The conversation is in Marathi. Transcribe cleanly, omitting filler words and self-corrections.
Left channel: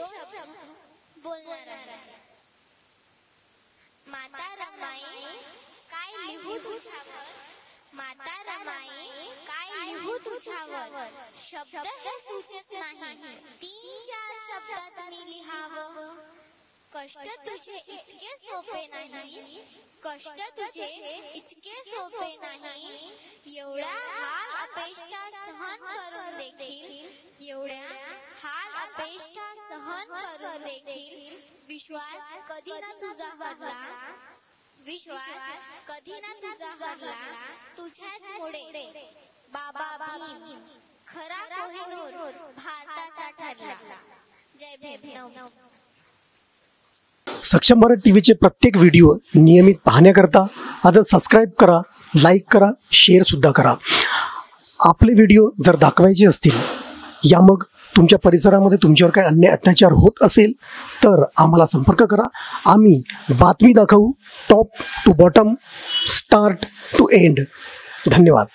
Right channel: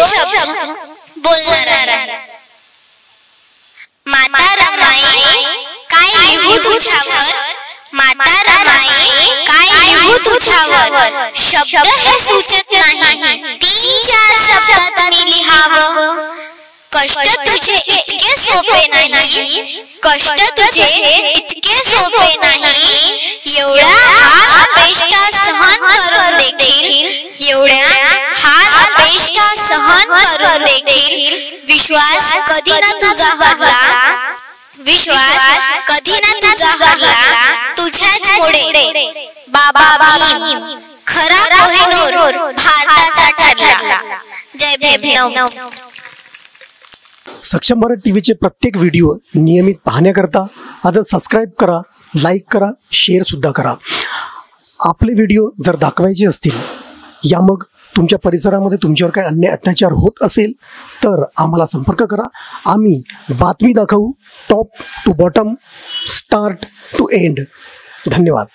दोन शब्द बोलणार आहे। माता रमाई काय लिहू तुझ्यावर, माता रमाई काय लिहू तुझ्यावर, शब्द हे सुचत नाही, 3-4 शब्दात मी लिहावं। कष्ट तुझे इतके सोपे नाही, कष्ट तुझे इतके सोपे नाही, एवढा हाल अपेष्टा सहन करून देखील, एवढ्या हाल अपेष्टा सहन करून देखील विश्वास कधी ना तुझा हरला, विश्वास कधी ना तुझा हरला, तुझ्याच पुढे बाबा भीम खरा कोहिनूर भारताचा ठरला। जय भीम। सक्षम मराठी टीव्हीचे प्रत्येक व्हिडिओ नियमित पाहण्याकरता आजच सबस्क्राईब करा, लाईक करा, शेअर सुद्धा करा। आपले व्हिडिओ जर दाखवायचे असतील या मग तुमच्या परिसरामध्ये तुमच्यावर काही अन्याय अत्याचार होत असेल तर आम्हाला संपर्क करा। आम्ही बातमी दाखवू, top to bottom, start to end. धन्यवाद।